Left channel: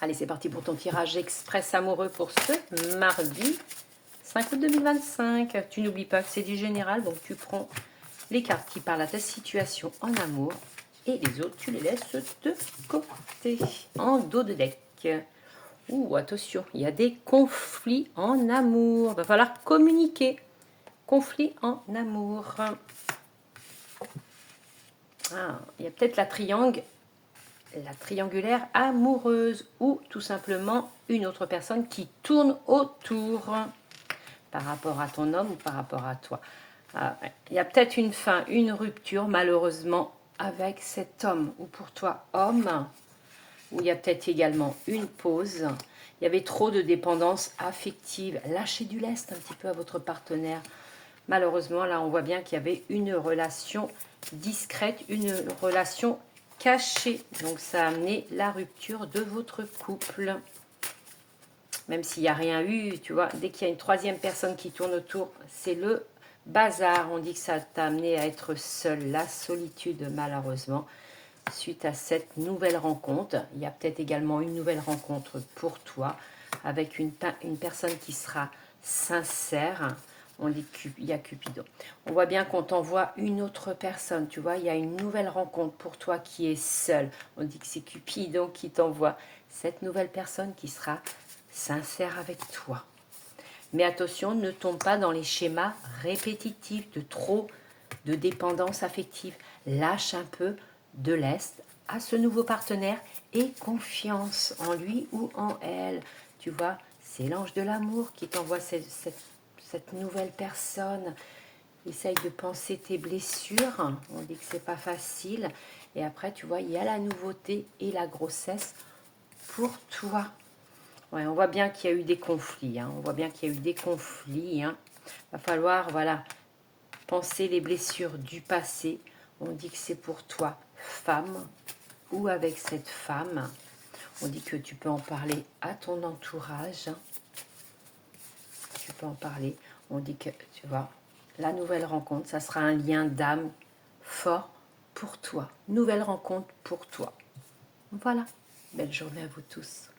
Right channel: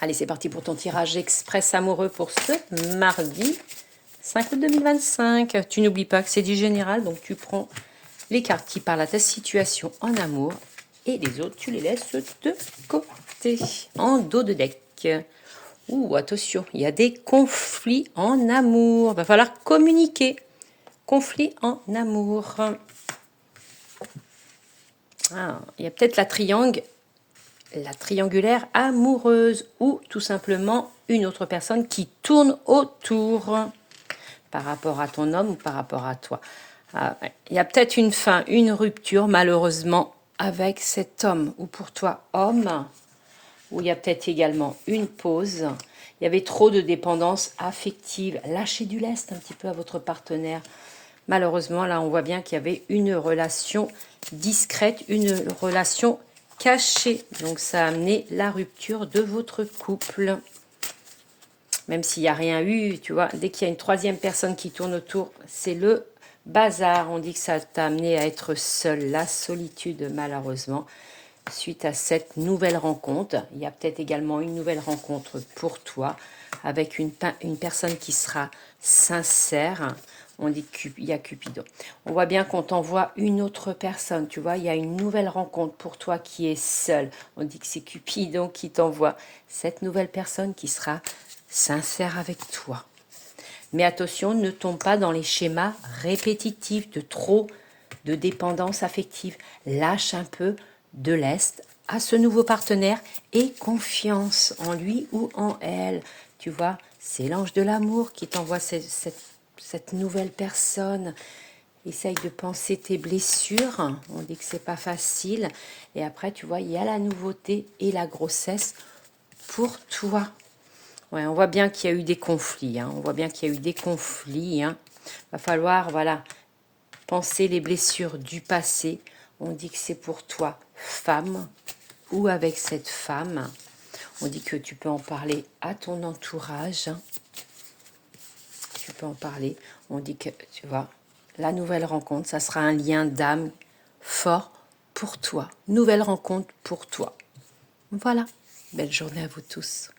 Allez, c'est parti pour ton tirage express amoureux pour ce mardi 5 août 2025. Tu n'oublies pas que c'est du général, donc tu prends les cartes qui parlent à ta situation en amour et les autres, tu les laisses de côté, en dos de deck. Ouh, attention, il y a des conflits en amour. Il va falloir communiquer. Conflit en amour. Ah, il y a peut-être la triangulaire amoureuse ou tout simplement une autre personne qui tourne autour par rapport à ton homme ou par rapport à toi. Il y a peut-être une fin, une rupture malheureusement avec cet homme ou pour toi homme, ou il y a peut-être également une pause. Il y avait trop de dépendance affective. Lâchez du lest un petit peu à votre partenaire. Malheureusement, là, on voit bien qu'il y avait une relation discrète, une relation cachée. Donc, ça a amené la rupture de votre couple. Même s'il n'y a rien eu, tu vois, dès qu'il y a une troisième personne qui tourne autour, c'est le bazar. On dit que ça t'a amené à être seul, la solitude, malheureusement. Suite à cette nouvelle rencontre, il y a peut-être également une nouvelle rencontre pour toi avec une personne qui sera sincère. On dit qu'il y a Cupidon. On voit bien qu'on t'envoie une autre personne, tu vois, il y a une nouvelle rencontre pour toi qui est seule. On dit que c'est Cupidon qui t'envoie cette nouvelle personne qui sera sincère avec toi. Mais attention, ne tombe pas dans les schémas répétitifs de trop de dépendance affective. Lâche un peu de lest à ce nouveau partenaire et confiance en lui ou en elle. Tu vois, c'est l'ange de l'amour qui t'envoie cette nouvelle personne. Essaye de penser tes blessures. On dit que c'est pas facile. Et après, tu vois, il y a la nouveauté et la grossesse pour toi. Ouais, on voit bien qu'il y a eu des conflits. On voit bien qu'il y a eu des conflits. Va falloir, voilà, penser les blessures du passé. On dit que c'est pour toi, femme, ou avec cette femme. On dit que tu peux en parler à ton entourage. Tu peux en parler. On dit que, tu vois, la nouvelle rencontre, ça sera un lien d'âme fort pour toi. Nouvelle rencontre pour toi. Voilà. Belle journée à vous tous.